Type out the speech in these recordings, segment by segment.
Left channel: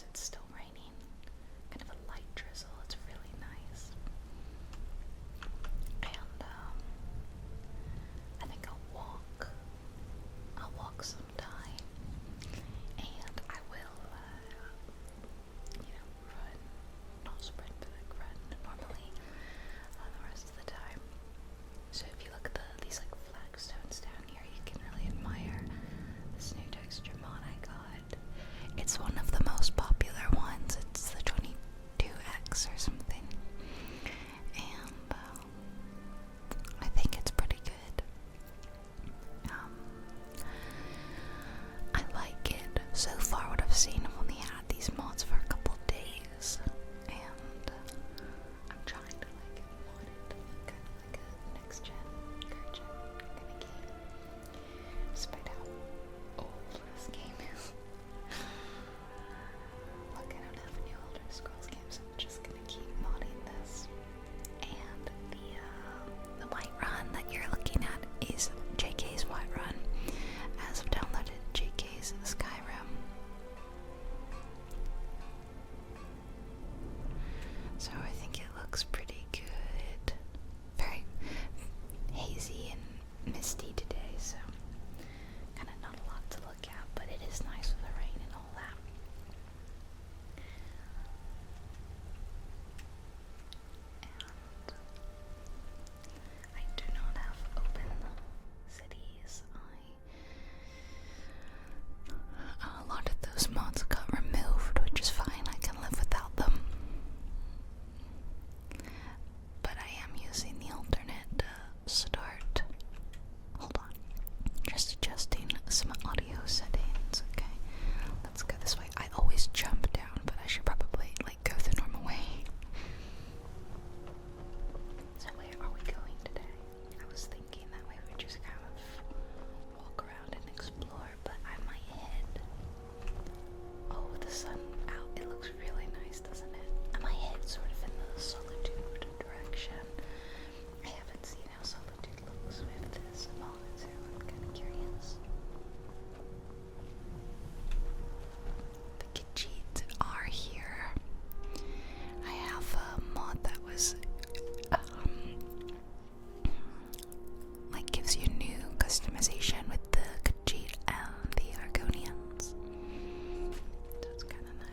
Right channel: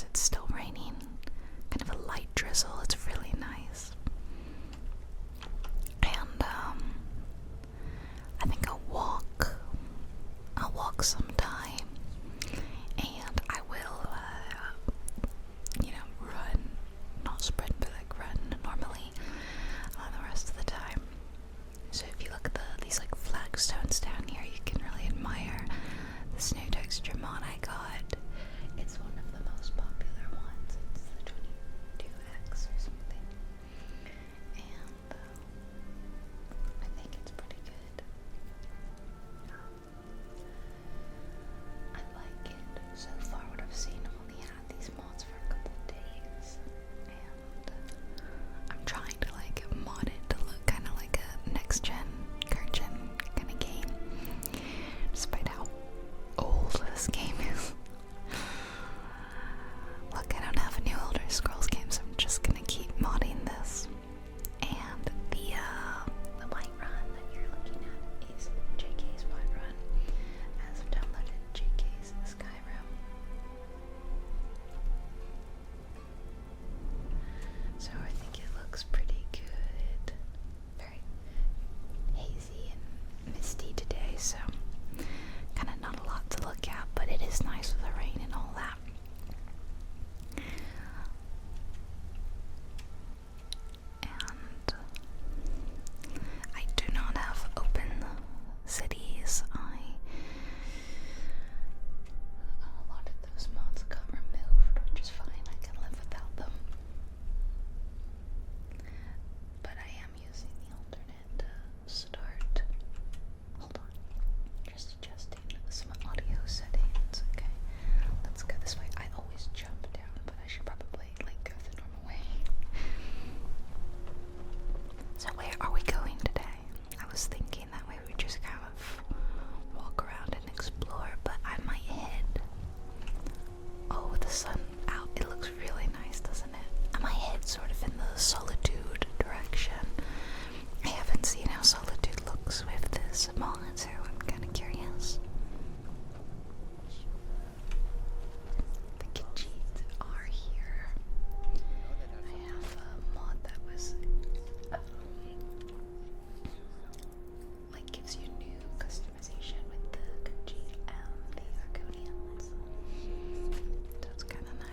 course it's still raining. Kind of a light drizzle. It's really nice. And I think I'll walk sometime, and I will run, not sprint, but like run normally the rest of the time. So if you look at these like flagstones down here, you can really admire the snow texture mod I got. It's one of the most popular ones. It's the 22X or something, and I think it's pretty good. I like it. So far what I've seen, I've only had these mods for a couple days, and I'm trying to like mod it to look kind of like a next gen, current gen kind of game, despite how old this game is. Look, I don't have any Elder Scrolls games, I'm just gonna keep modding this. And the Whiterun that you're looking at is JK's Whiterun, as I've downloaded JK's Skyrim. So I think it looks pretty good. Very hazy and misty today, so kind of not a lot to look at, but it is nice with the rain and all that. And I do not have open cities. A lot of those mods got removed, which is fine. I can live without them. But I am using the alternate start. Hold on. Just adjusting some audio settings. Okay. Let's go this way. I always jump down, but I should probably like go the normal way. So where are we going today? I was thinking that way we just kind of walk around and explore, but I might head. Oh, with the sun out, it looks really nice, doesn't it? I might head sort of in the Solitude direction. I haven't seen how Solitude looks with this mod, so I'm kind of curious. The Khajiits are here. I have a mod that was like gives you new customization with the Khajiit and the Argonians. So it's kind of nice.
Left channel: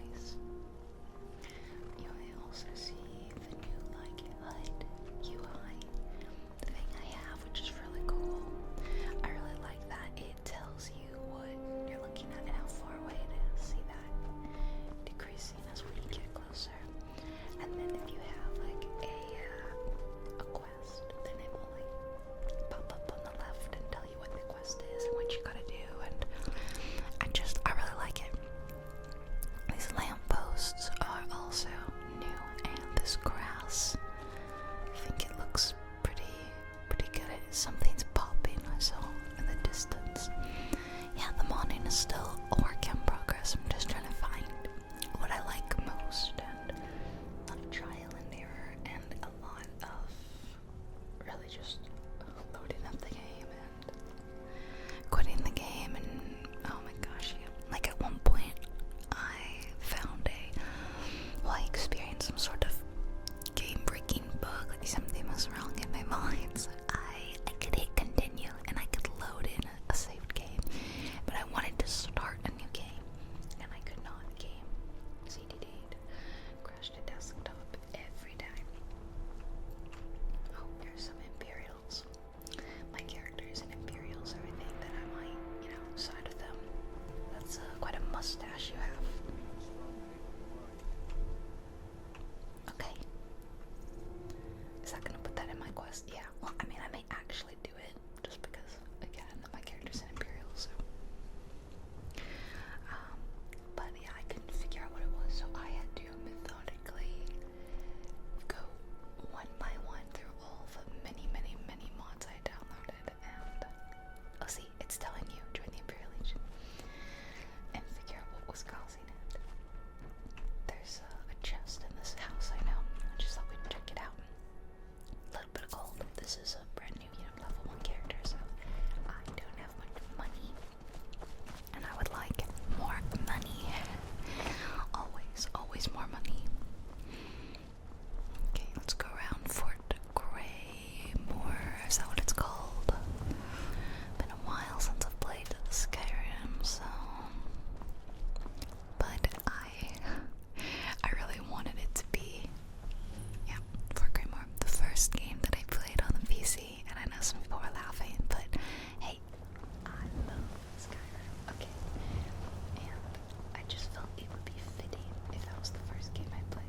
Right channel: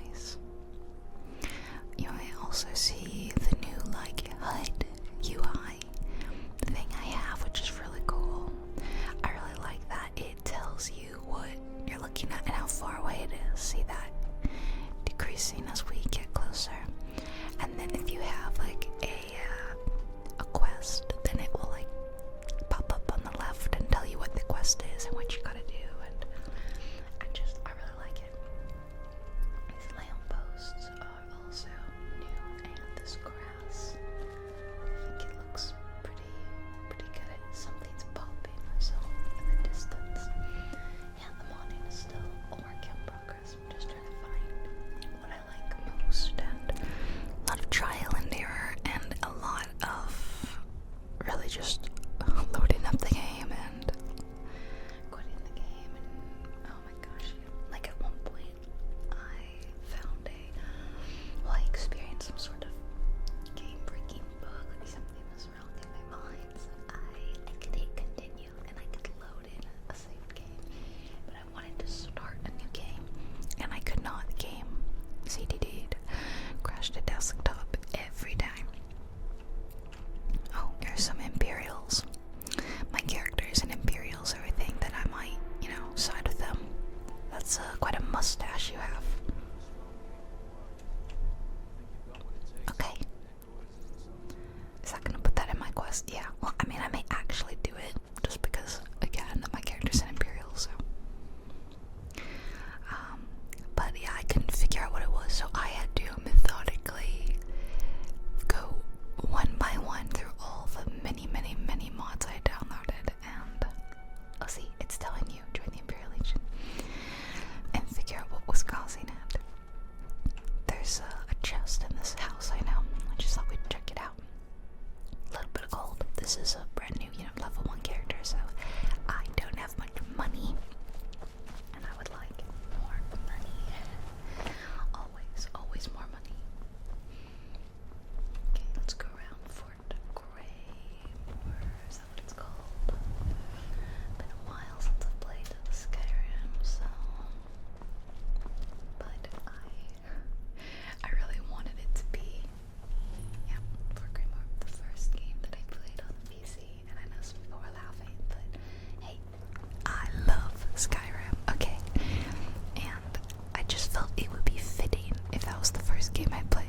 just felt it would be fitting if that was the first game I played.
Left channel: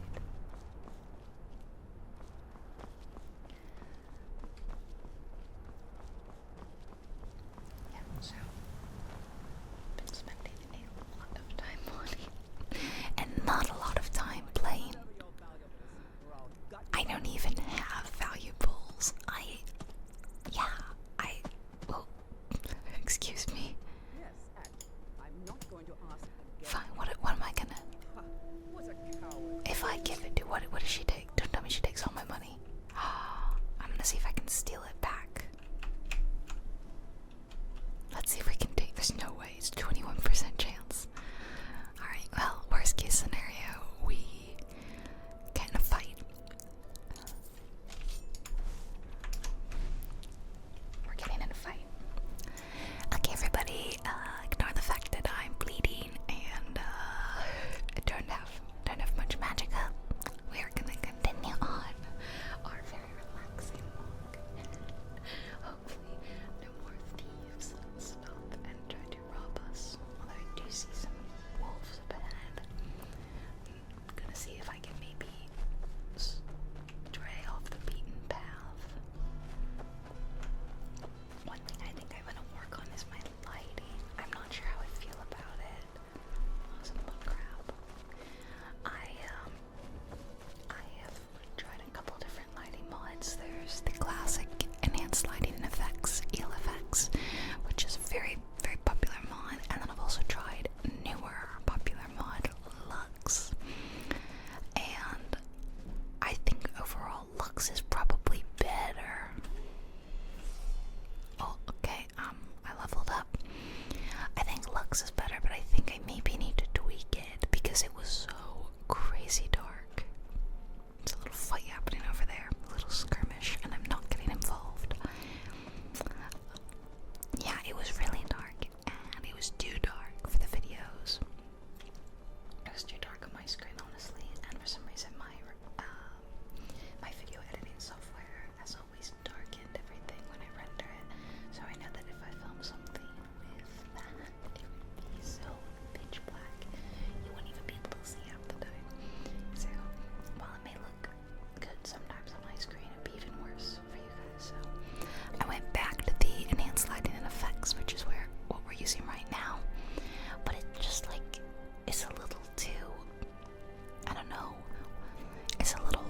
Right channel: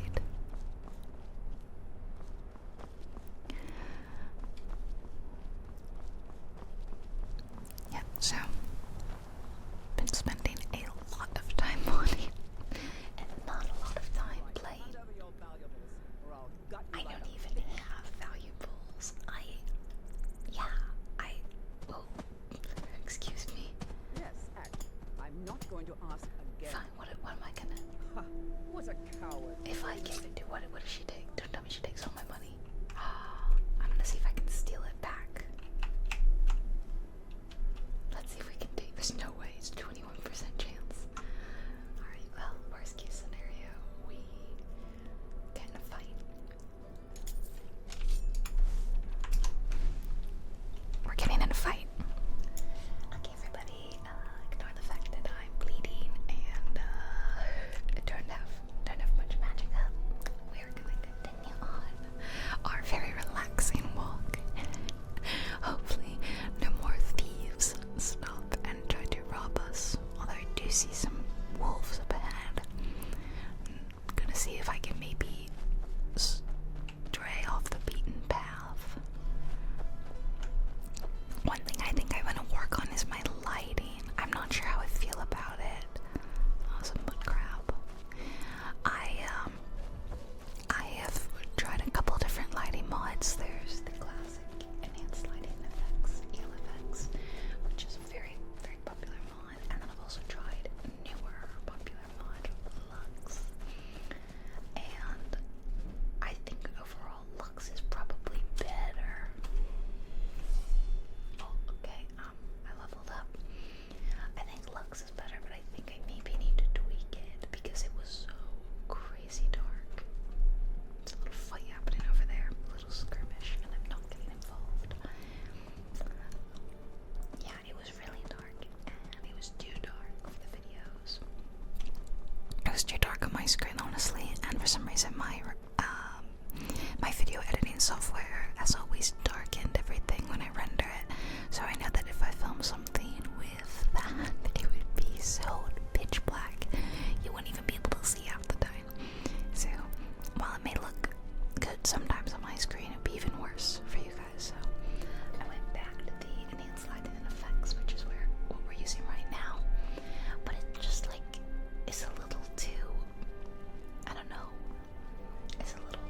Yeah, so been spending a lot of time on it, and not a lot of time playing. I don't even have valuables. Oh, excuse me. Yes, I'm not going to ask again. Fine, what am I gonna? Ha, what a coward. If I give it to, what does she take? Don't tell me she takes all my money. I'm gonna see if I can steal it back. Let's see if we can take, there's no way, it's 21% chance. Alright, well, worst case scenario, we get in a fight. We're getting in a fight. Okay, everybody, ignore the fact that I'm bleeding and I don't have much magic up. We're gonna continue on our very relaxing walk. Hopefully, no more thieves stop and try to rob us. Although I do see some wolves up ahead. I'm gonna see if I can maybe stray off the beaten path. One thing I think I want to work on is my lighting. I'm not sure how I feel about it. Awesome, but crap. I have tried a couple different lighting mods. There's the classic enhanced lighting effects, ELFX, which is a very, very popular mod, and then I've also tried newer popular mod, Lux. And I think overall Lux is probably better. Oh, okay, I leveled up. I think Lux is better, but I think I maybe need to tweak it because it was so crazy dark. There's a little fight happening over there, a little skirmish, and I'm not getting involved. Yeah, it was really dark, and it was too dark for the videos. It was too dark on my screen, honestly, and for some reason my video editing software has always darkened everything when I render it. So I know that if I film something with that, it would be so pitch black, you wouldn't even be able to see half the time. So while it may look good sometimes on my screen, it'd be even worse for you guys. So I went back to the enhanced lighting and effects, which is what we're using right now. But it just like it's a little too, I don't know, it's a little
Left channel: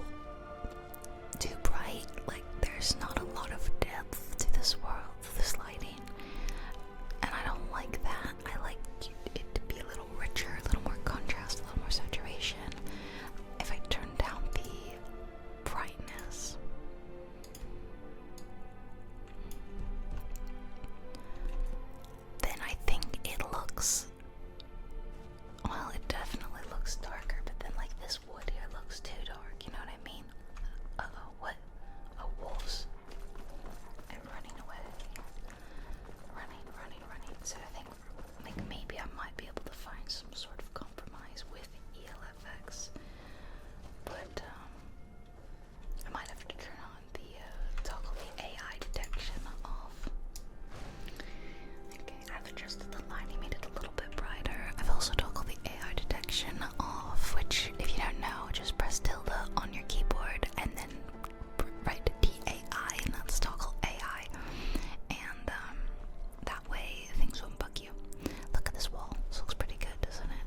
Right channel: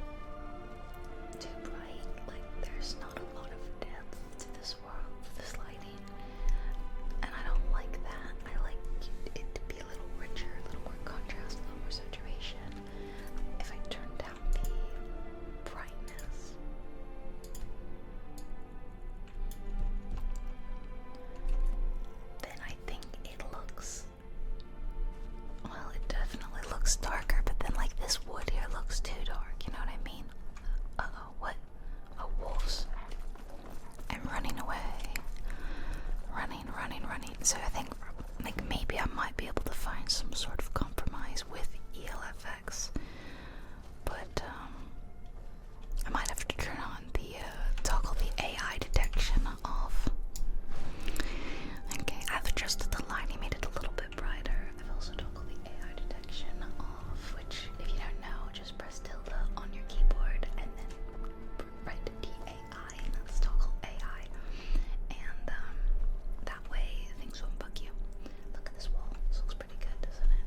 too bright. Like there's not a lot of depth to this world, this lighting, and I don't like that. I like it to be a little richer, a little more contrast, a little more saturation. If I turn down the brightness, then I think it looks, well, it definitely looks darker, but then like this wood here looks too dark, you know what I mean? Uh-oh, what? Oh, wolves. I'm running away. Running. So I think like maybe I might be able to find some sort of compromise with ELFX. But I might have to turn on the toggle the AI detection off. Okay, I've adjusted the lighting, made it a little bit brighter. I've also toggled the AI detection off, which if you don't know, just press tilde on your keyboard and then write DAI and that's toggle AI. And that way things won't bug you. Look at this wall. This looks pretty good, doesn't it?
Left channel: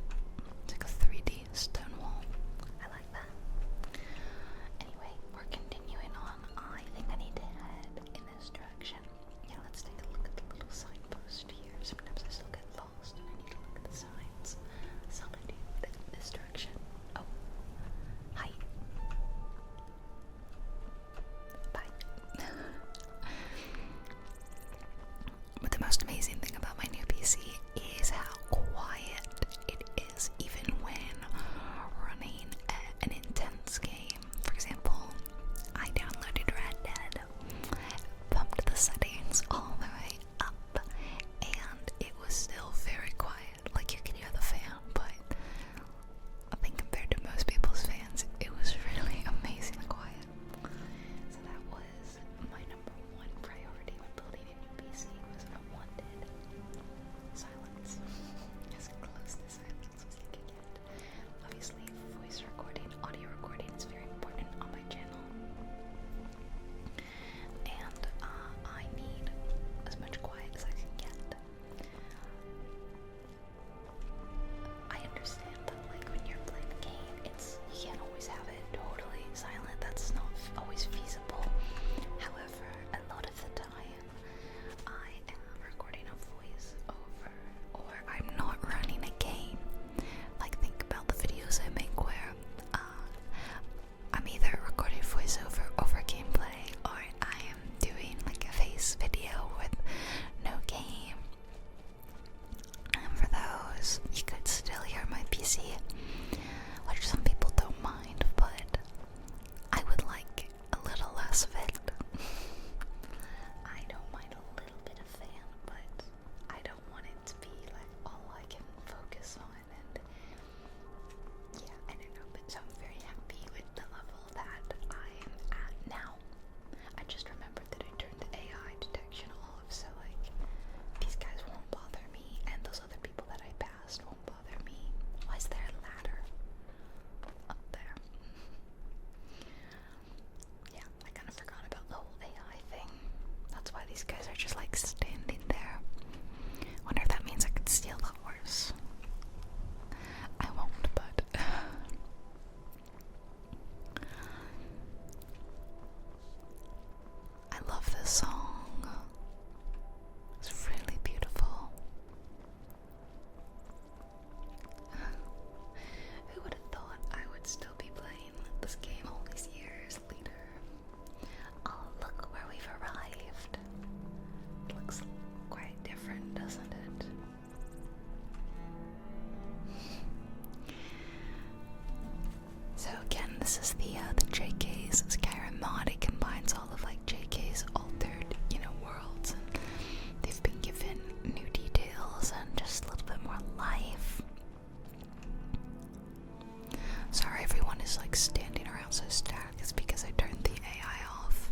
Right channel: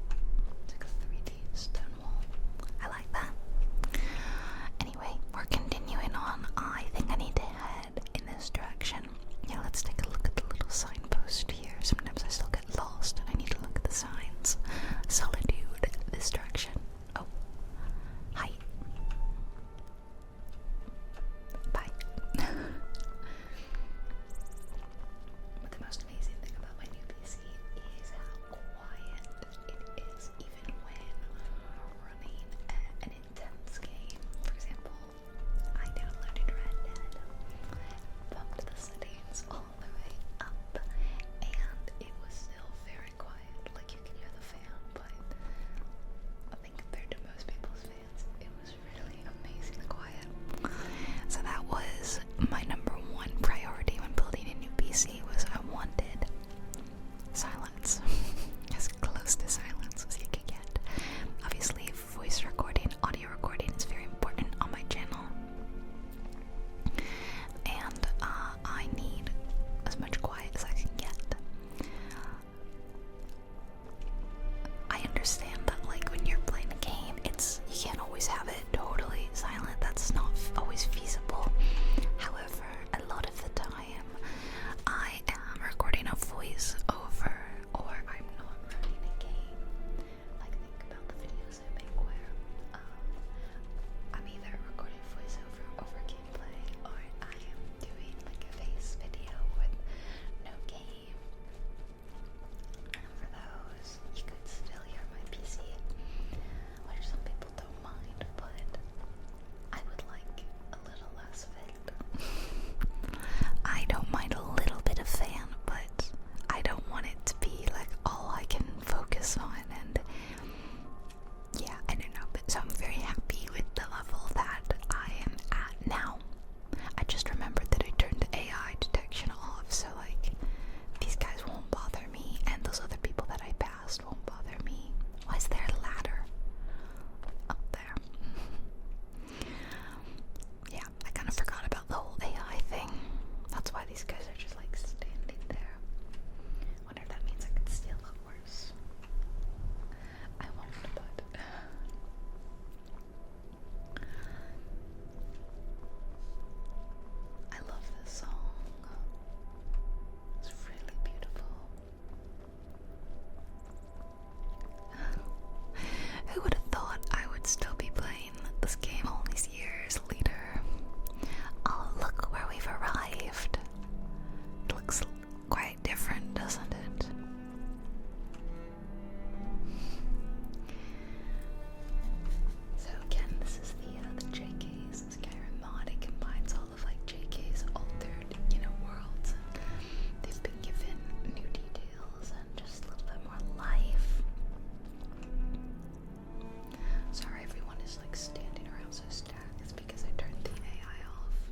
like standing around so stacked is because I turned the AI off.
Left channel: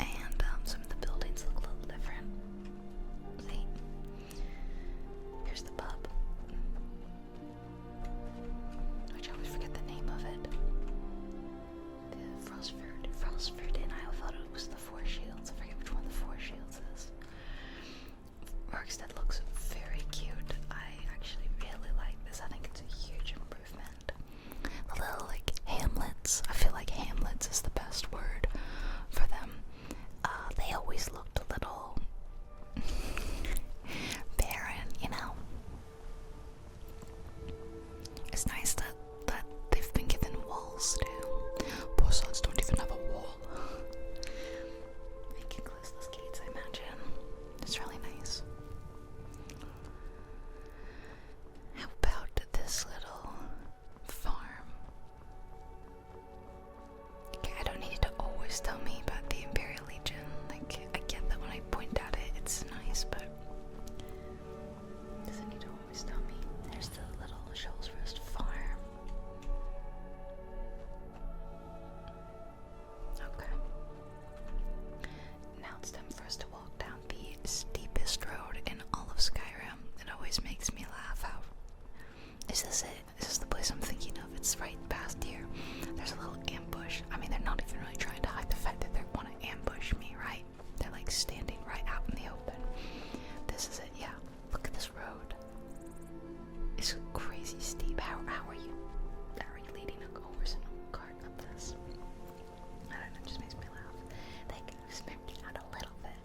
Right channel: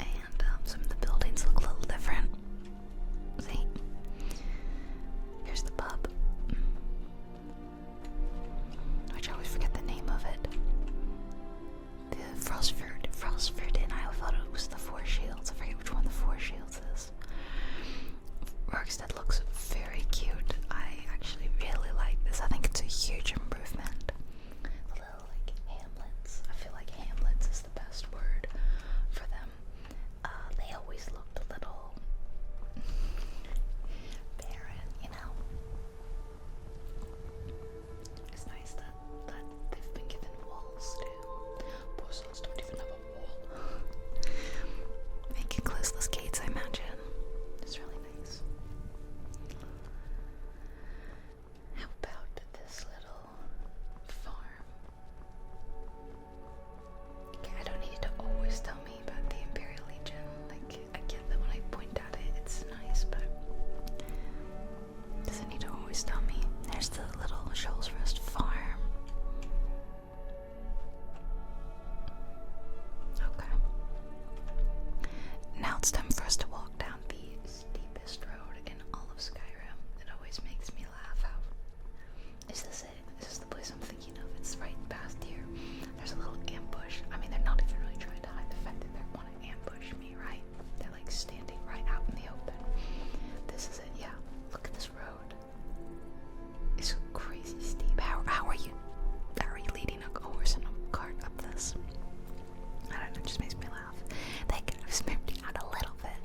And some of the buildings look a little different. See? Here's the pub. Which I always forget the name of it. The Frostford Inn. I thought it was the Four Shields. I forget which one the Four Shields is. Rorikstead looks very cute. I actually really like this. I think it's a huge improvement. The little like hamlets. I feel like hamlets is the best word for them. They always looked a little barren, you know. It's nice that they've been given walls too. Poor souls don't even have a wall. They can close those gates, I imagine. It's really nice. How about this little farm? Okay, I don't need you to always tell me about the Imperial Legion. Like, I get that when I point at it, it's nice, but doesn't need to always tell me. There's the little Shoals Rest farm. Okay. Now it's time for us to walk down the steepest road in all of Skyrim. It always makes me laugh. How is this it? Is this the place I'm thinking of? It's right past here. There's a little ambush. I mean, they're not even really trying to hide the fact that they want to ambush me, right? They're like standing right out in the open. This is it, yeah. Look at this road. It's crazy steep. How are you leading a horse and a cart up this? I don't know, it just makes me laugh. They could have smoothed it out a little bit.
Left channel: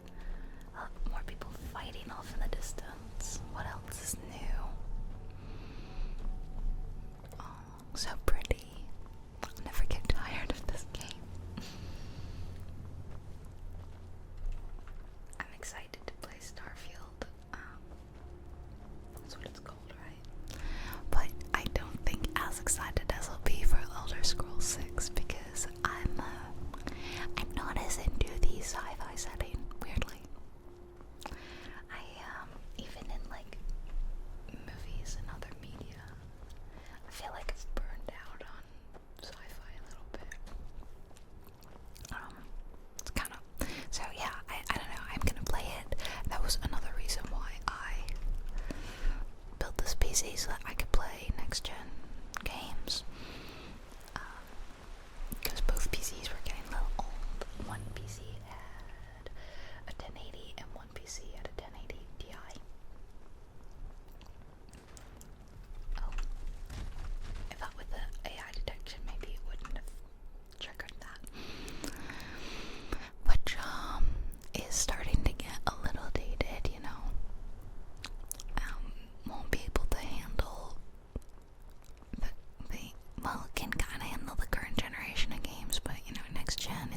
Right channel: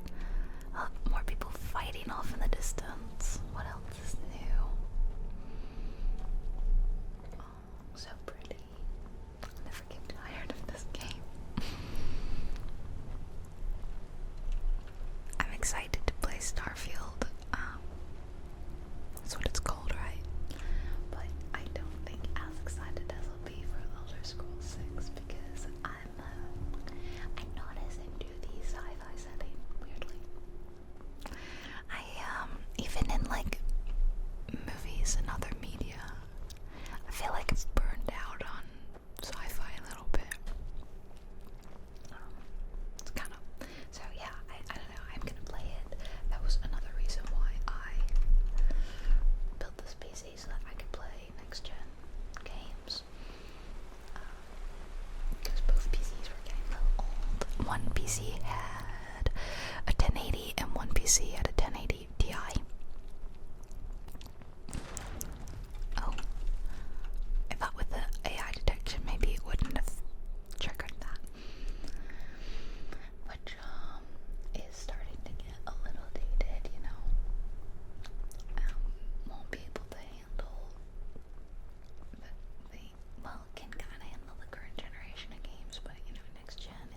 More people fighting off in the distance. What else is new? Oh, so pretty. I'll never get tired of this game. I'm excited to play Starfield. That's what it's called, right? But I don't think as excited as I'll be for Elder Scrolls 6 because I'm not as into the sci-fi setting, weirdly. Even in like movies and other media, I feel like I've burned out on sci-fi a little bit. It's kind of, so yeah, I don't know, I'm gonna play it. That was another reason why I built this PC so that I could play next-gen games. Because both PCs were getting a little old. One PC had a 1080 and one PC had a 1080 Ti. Oh. I thought with the AI detection maybe it wouldn't have triggered that. Which is starting to get a little dated, you know. Won't be able to handle well, it can kind of handle the current generation of games, but you know, next gen,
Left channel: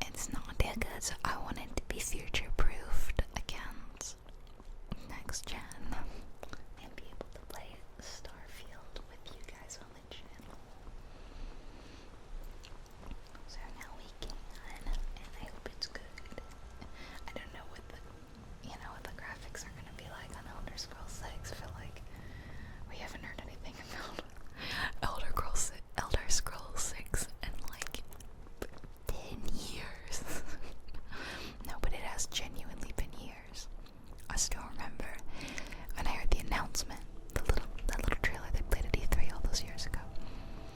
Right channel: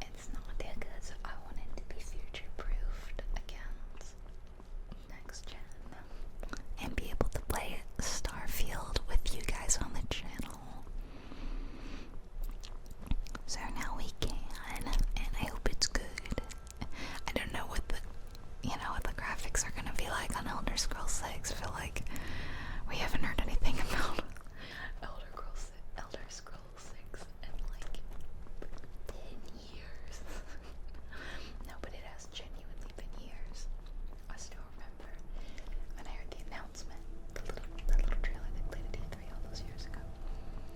it's not that good, so I want it to be future-proofed against next gen and be able to play Starfield with you guys on the channel. So now we can, and I hope it's good. I don't know what the graphics are gonna be like on Elder Scrolls 6. I feel like we haven't heard anything about Elder Scrolls 6 in like 10 years. No, but it has genuinely been years. I still remember when I heard the announcement, that little trailer they played at E3 all those years ago.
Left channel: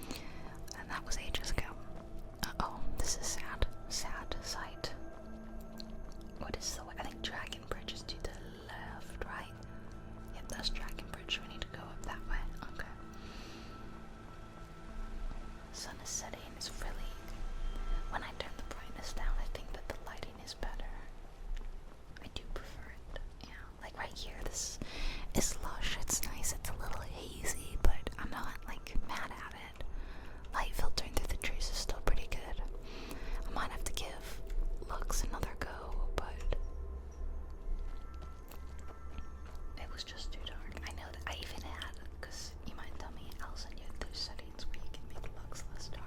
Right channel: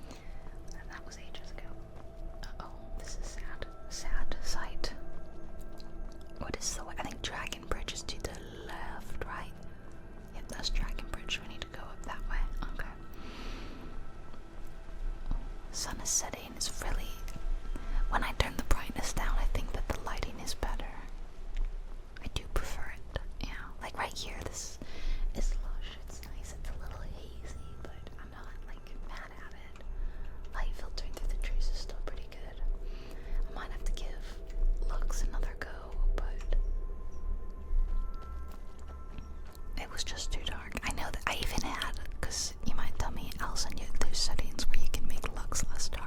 And that was ages ago. Uh-oh, this is sad sight. What is I think Dragon Bridge is to the left, right? Yep, that's Dragon Bridge. We need to go up that way. Okay. Sun is setting. It's really, when I turn the brightness down, I think that the lighting is better. I do prefer it. Yeah, like right here, this is lush. It's nice. It's a little hazy, but I'm not like mad at it. Light filtering through the trees is still pretty good. I might have to give Lux another go, but it was just too dark. I know that I even had, because you might tell me, Allison, there's settings where you can make Lux less dark.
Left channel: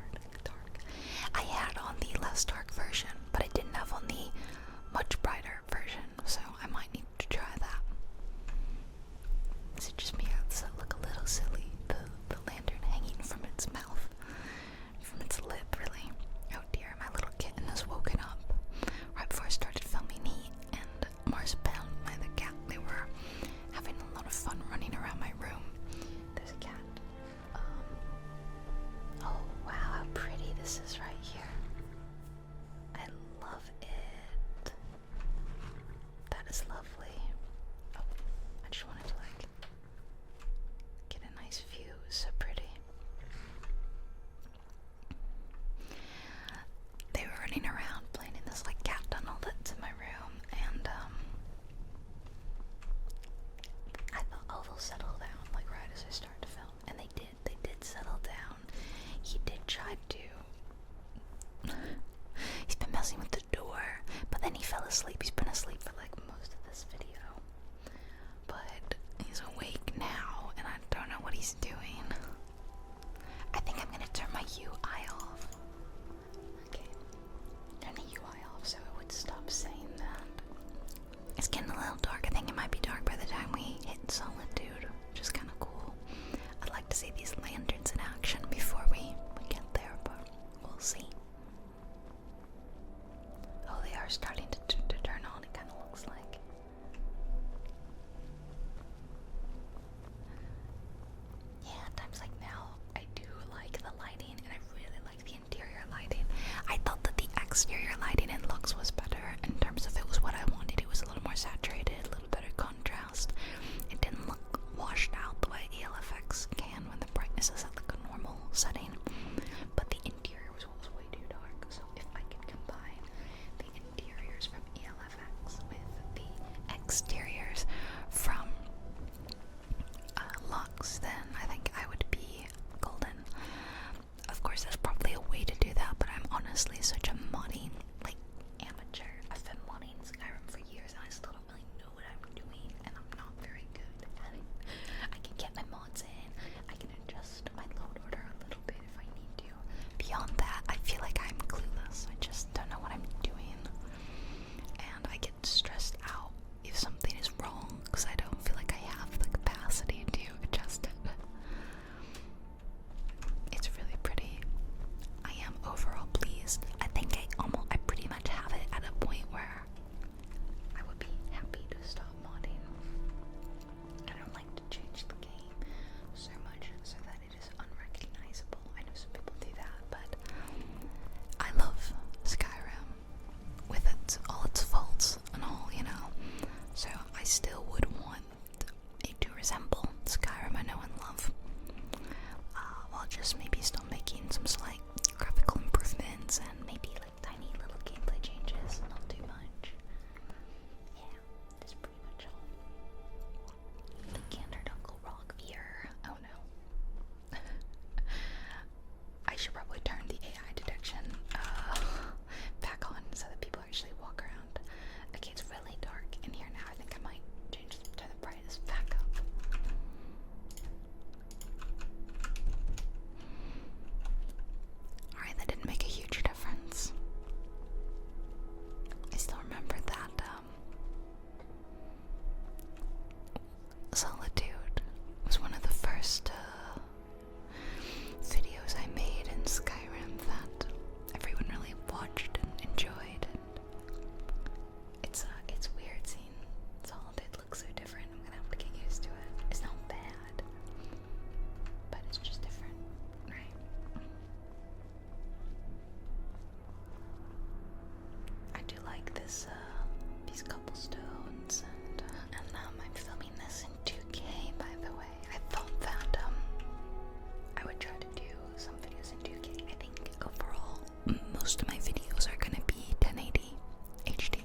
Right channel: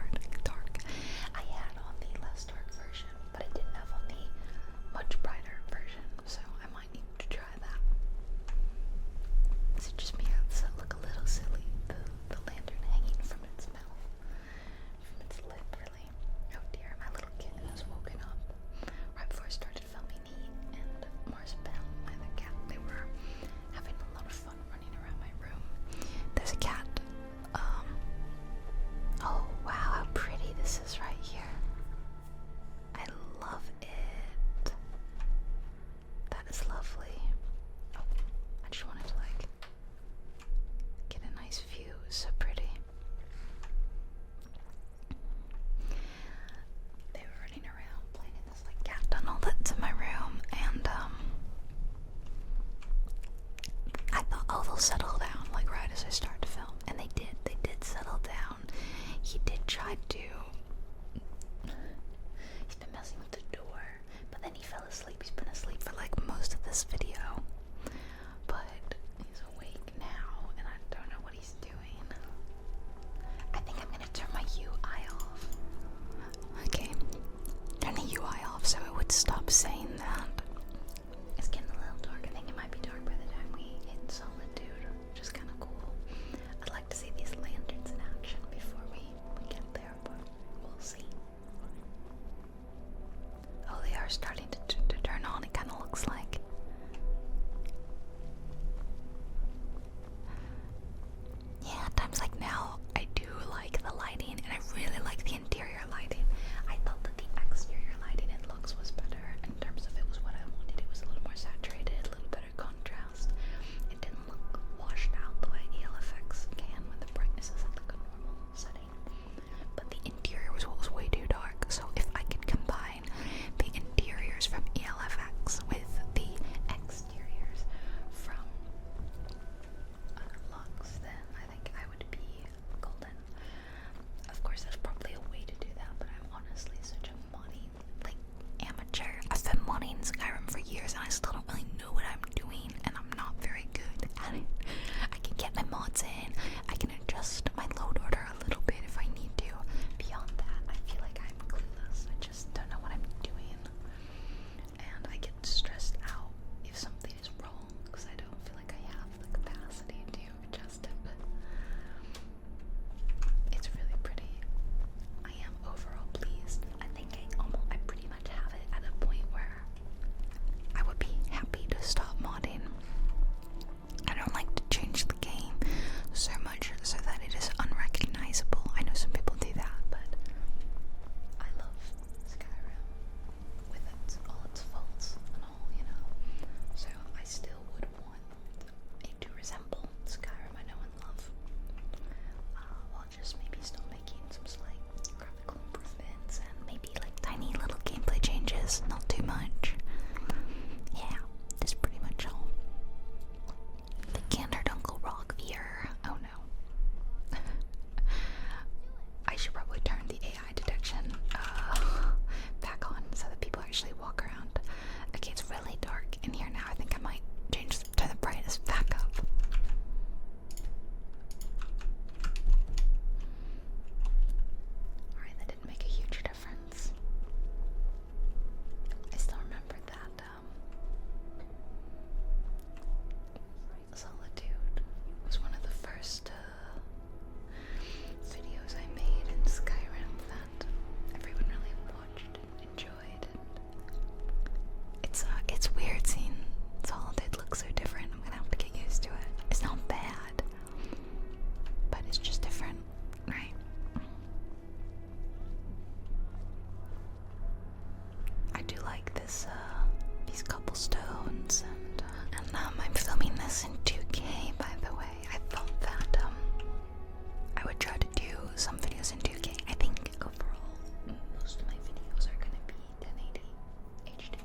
nice view, so pretty. They were running around playing in this like cat tunnel that's in my room, and I thought, oh, they'll settle down like right as I start to film, and they did. They did settle down. He did try to. He's been messing with the door, but then he fell asleep. He's been asleep for like most of this video, but he's awake now, and I don't know what he's doing. I think I'm gonna turn my UI off. Okay, turn the UI off so it would stop saying that. It's getting a little dark. I think it might be dark by the time we hit Solitude, which is kind of cool. I'd like to see these lanterns in action before we get there, but we'll see. Oh, they are starting to turn on, it kind of looks like. Yeah, times like now, I do like the lighting, and I really like the interior lighting. I thought that the exterior lighting in Lux was better in terms of it was what I wanted. It was a little more saturated, a little better contrast. It didn't look washed out the way ELFX can when the brightness is at like a normal setting. But the interior was what was way too dark. So if I could combine the interiors from ELFX with the exteriors from Lux, then I think I would be golden. Of course, there's probably a way to do that, but I'm honestly such a modding like amateur. I've been modding Skyrim for years, and I still don't really know what I'm doing, and I'm not very good at it. I can get my mods in, I can adjust my load order a little bit if I need to. Beyond that, I feel like I'm clueless. I just don't know what I'm doing, and I get stressed out if something is wrong because I don't feel like I have the capacity to adjust it. It's really pretty. I am overall pleased. I think I pretty much have it at a point where I would be happy to stop modding. I don't like to change the game so much so that it is unrecognizable. I know some people do that, but I love Skyrim with all its faults and all, you know. So I still would want it to resemble Skyrim I know and love. While just maybe still making some slight graphical improvements and maybe like tiny little gameplay changes, not too much. Yeah, that's pretty much all. The Gandered Uncle Rock here. Oh no. I should probably turn the AI detection back on so that people actually walk around. Okay, it's really dark in here now. I think I might turn the brightness back up. Alright, that didn't make a huge difference. I still remember that Solitude was one of the first videos I made in Skyrim that everyone really watched and enjoyed. It's weird seeing Solitude look so different. I'm gonna have to get used to it. It's not bad, but it's just different, right? I do like this, these cobblestones, and I'm filming this in 2K, by the way. I thought that, I would try to do some videos in 2K. I think overall, most of my videos are gonna be 1080 HD.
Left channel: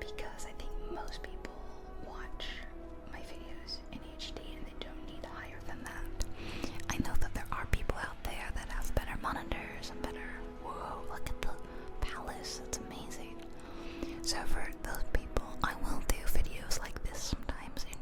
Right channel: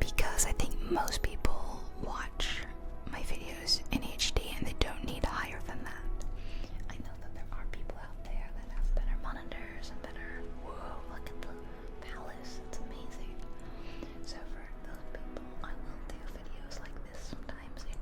Because I think most people watch my videos in HD and they don't need higher than that. I know that there are people out there that have better monitors and better. Whoa, look at the palace, it's amazing. So for those people, I will do videos like this sometimes in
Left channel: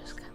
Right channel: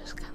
just kind